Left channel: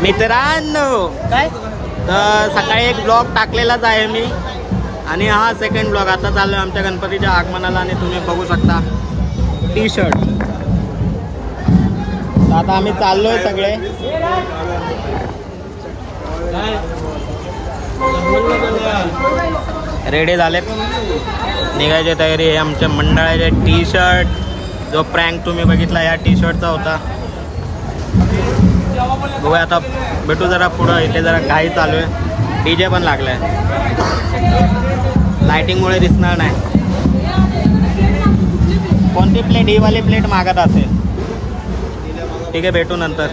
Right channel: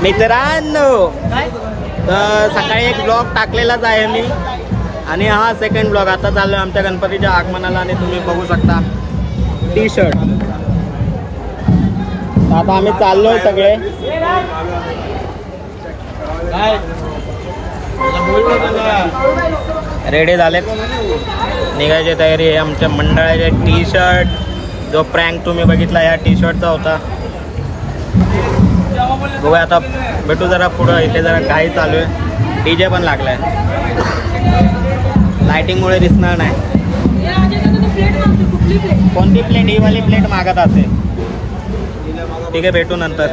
मित्रांनो, तर सकाळी एक ब्लॉग टाकलेलाच आहे मी आणि हा सेकंड ब्लॉग आता चाललोय आमच्या गणपतीच्या आगमनाला आणि तुम्ही बघू शकता टी शर्ट. आता आम्ही चाललोय सगळे. रेडी झालेत, निघायची तयारी आहे. आमच्या मंडळाचे टी शर्ट, जो प्रँक तुम्ही बघितला या टी शर्टचा होता. बघूया आता, भेटू जरा पुढं. इथे जरा काही चालू आहे, डीजे पण लागलाय, लाइटिंगमुळे दिसणार नाही. कोणती प्लेट? ही वाली प्लेट मागत असेल. ठीक आहे, भेटू नंतर.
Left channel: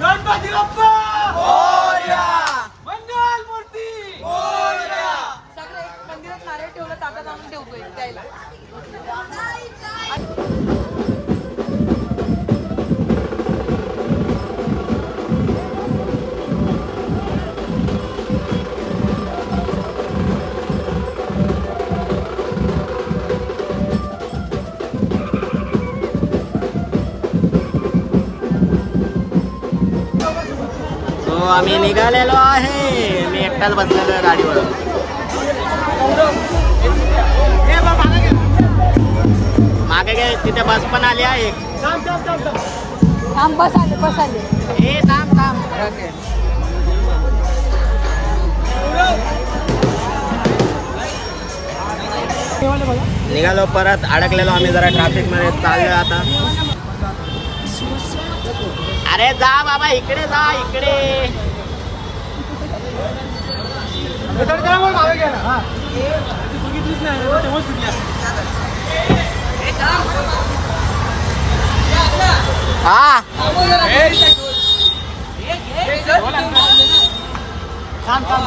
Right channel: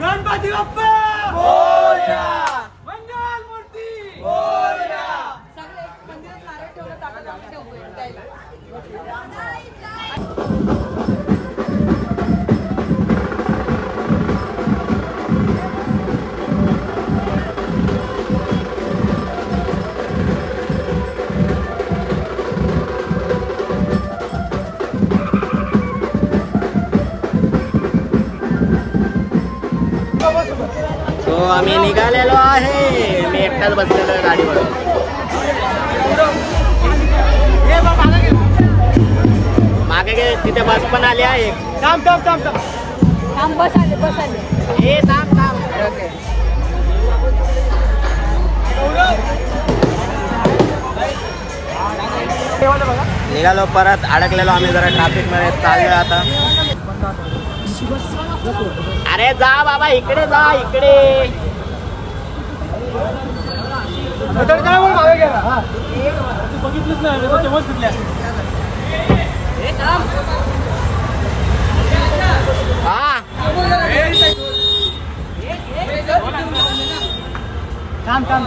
गणपती बाप्पा मोरया, मंगल मूर्ती मोरया. सगळे मंदिरात नारळ ठेवलं, ताटात आम्ही ठेवतोय द्यायला. तो आम्ही निघालेलो आहे. मी एकटाच बसलेलो आहे गाडीवर. मागे गे तिथे बस पण आली आहे. बस आले, बस आले. ए थांब थांब, ट्रक आहे. निघालो, परत अडकलेलो आम्ही जरा ट्रॅफिक मध्ये. चाललोय आता. अरे जा बाबा, इकडे जा, इकडे.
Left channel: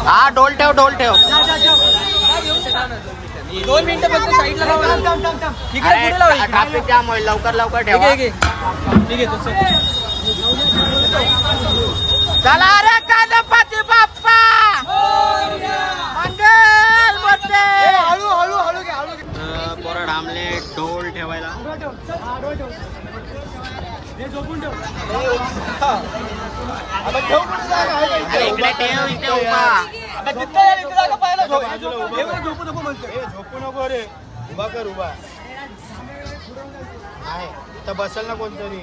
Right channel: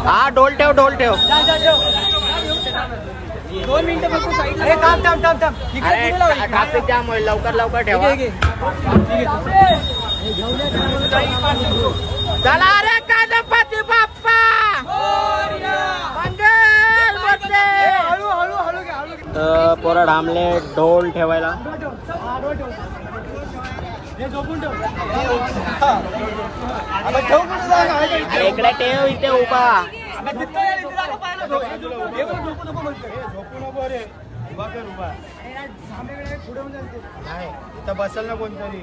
हा ढोल ठेव, ढोल ठेव. 2 मिनिटं फक्त साईडला. अरे ट्रॅफिक जाम होईल, लवकर लवकर ठेवा. चला रे गणपती बाप्पा मंगल मूर्ती. पोरं ढामले ढोल ठेवायला. अरे इकडे ठेव, इथे उभा. बसेल ना कोणतरी.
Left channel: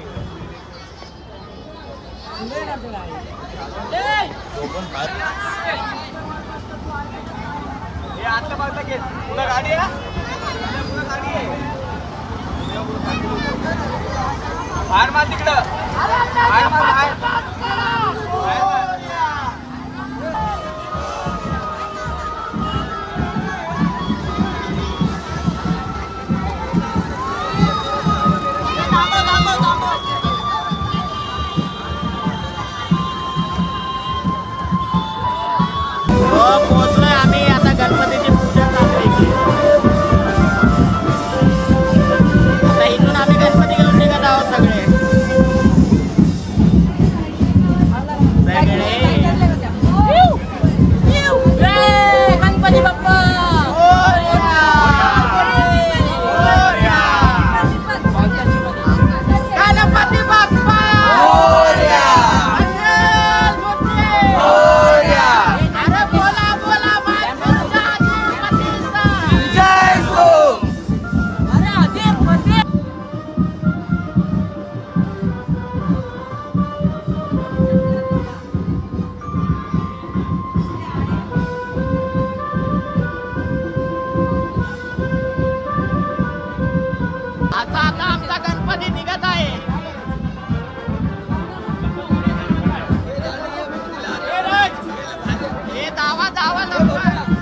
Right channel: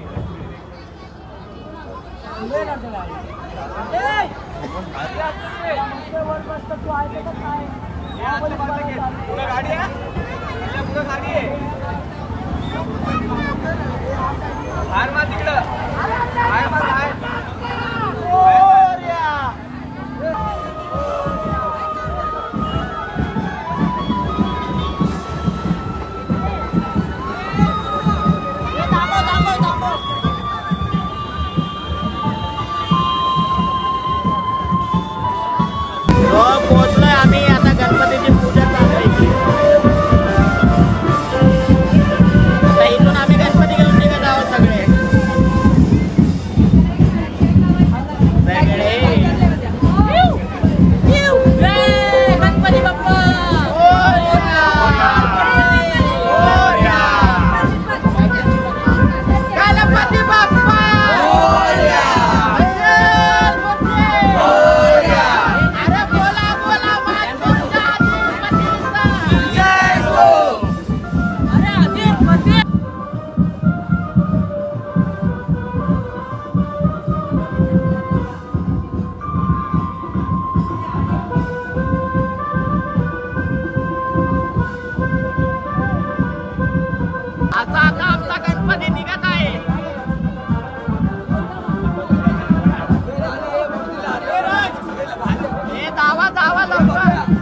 पोहोचलोय आम्ही. आता गणपतीची पूजा चालू आहे. आता आता आमचा गणपती निघत आहे. हे धावा धावा लवकर.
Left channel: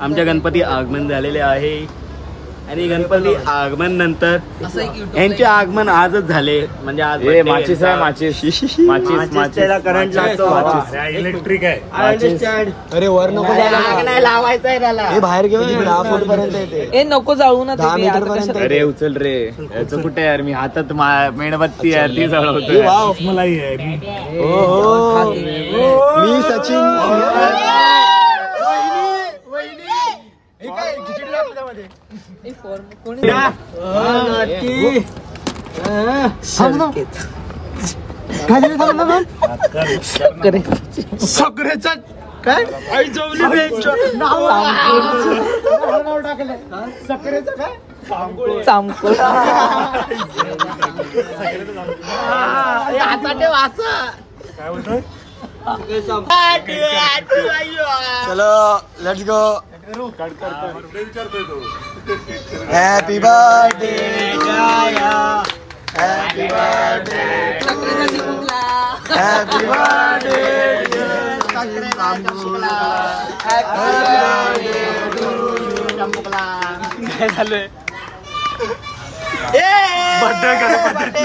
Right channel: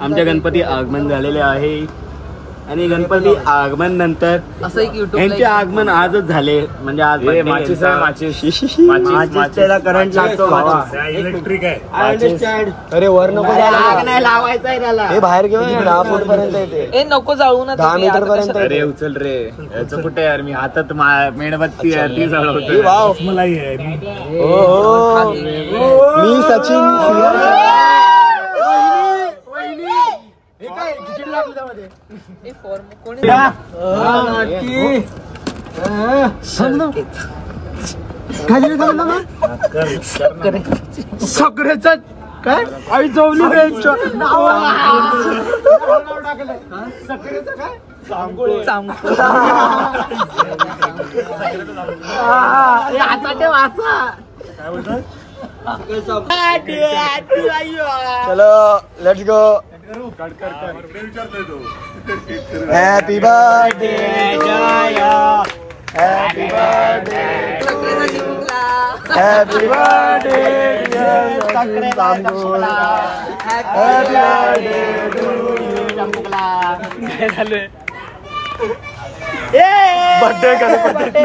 आमच्या गणपती आगमन झालेले आहे आणि गणपती आगमन नंतर यांचे आगमन आजच झाले. म्हणजे आज माचीस आहे, माचीस करंट लागतो, इलेक्ट्रिक आहे. I understand. अरे वर नको जायला, आग नाही लावायचं आहे त्याला. हे बाहेर घेऊन 10 फूट पर्यंत येते. ए नको जाऊ ना 10 मीटर पर्यंत. अरे उचल रे, याचं कुठे यार, मी हातात मेणबत्ती आहे ती जळवतो. वाव, मलाही आहे. हो मी सचिन. सगळेच काय आई जवली चलो let's go. Happy birthday to you, happy birthday to you, happy birthday dear Sachin Tambul, happy birthday to you. Birthday Ganpati.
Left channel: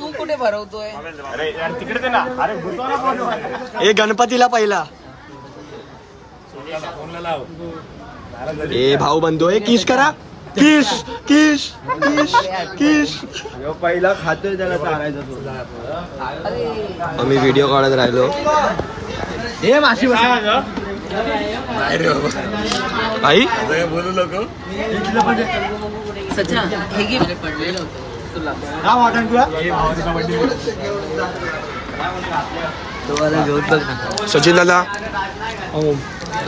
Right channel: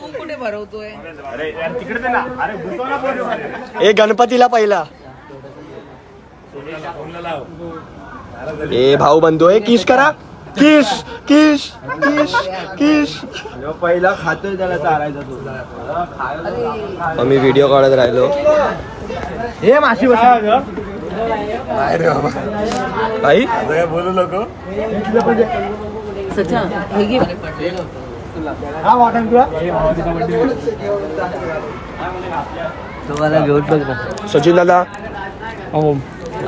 तू कुठे भरवतोय? ए गणपतीला पहिला ए भाऊ बंधू आहे, किस करा, किस किस किस किस. पहिला खातोय त्याला चारायचा तो. आम्ही व्हिडिओ काढत राहिलो. हे माशी आई बोलू नको. सचा हे घे तुला. हा वाटण तुला. सचिन दादा,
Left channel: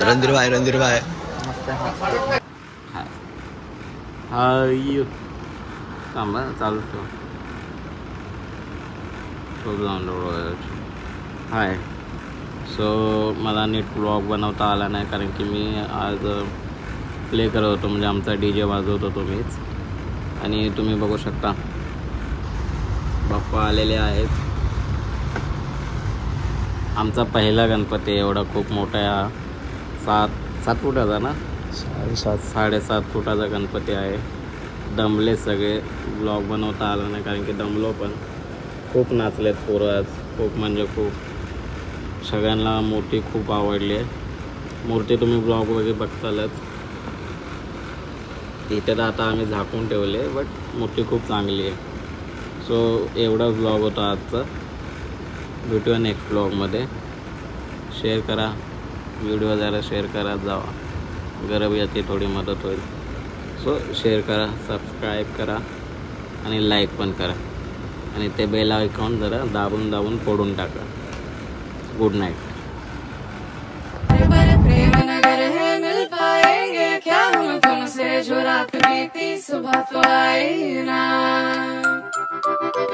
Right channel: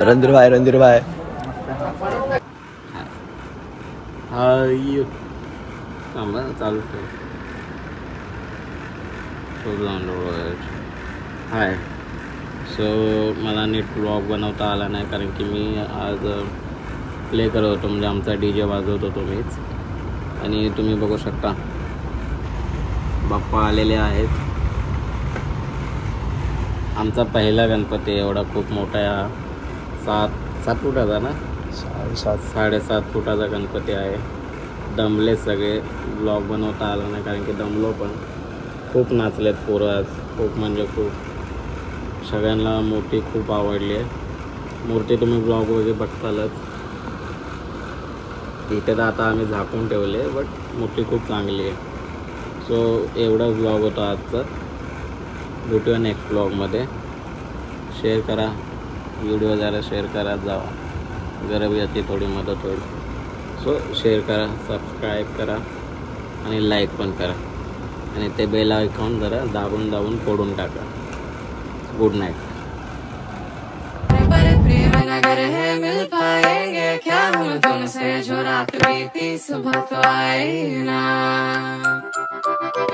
रणधीर भाई. थांबा चालू हाय. सो मला नीट ब्लॉग बनवता आला नाही कारण की मी आज प्ले करत होतो, म्हणजे आमचा DJ वाजवत होतो मीच. आणि तुम्ही बघू शकता बाप्पा आलेले आहेत. आमचा पहिला गणपती एवढा खूप मोठा आहे, 7 फुटाचा ना, 7.5 फुटाचा गणपती आहे. दमले सगळे, ब्लॉग बनवता आला नाही कारण की दमलो पण. खूप नाचलेत पोरं आज, खूप म्हणजे खूप. सगळ्यांना मूर्ती खूप आवडली आहे. मूर्ती तुम्ही ब्लॉग वगैरे बघतालच. इथे तर आता आम्ही झाकून ठेवले, बट मूर्ती खूप चांगली आहे. सो एवढा ब्लॉग होता आजचा. भेटूया नेक्स्ट ब्लॉगमध्ये. शेअर करा व्हिडिओ, जरा शेअर करत जावा, गरज याची थोडी मदत होईल. सो शेअर करा, सबस्क्राईब करा आणि लाईक पण करा आणि ते बेल आयकॉन जरा दाबून फोडून टाका. Good night. प्रेम नगर है मिल पाएंगे क्या हम तुमसे, जो रात बीती सुबह तो आई ना.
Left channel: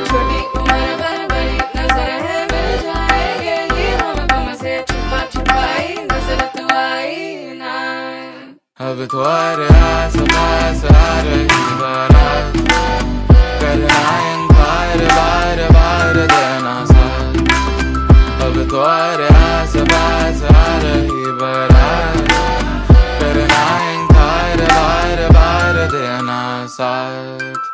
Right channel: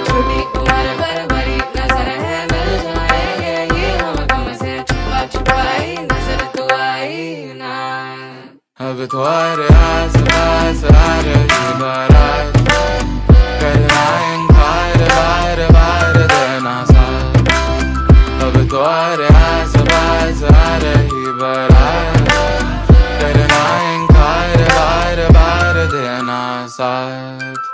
छोटी उम्र पर बड़ी नजर है मिल जाएंगे ये हम तुमसे, छुपा छुपाई नजर तू आई ना. अब तो आस पास आ रही बारात, करना इनकार बार बार देना साथ. अब तो आस पास आ रही बारात, करना इनकार बार बार देना साथ.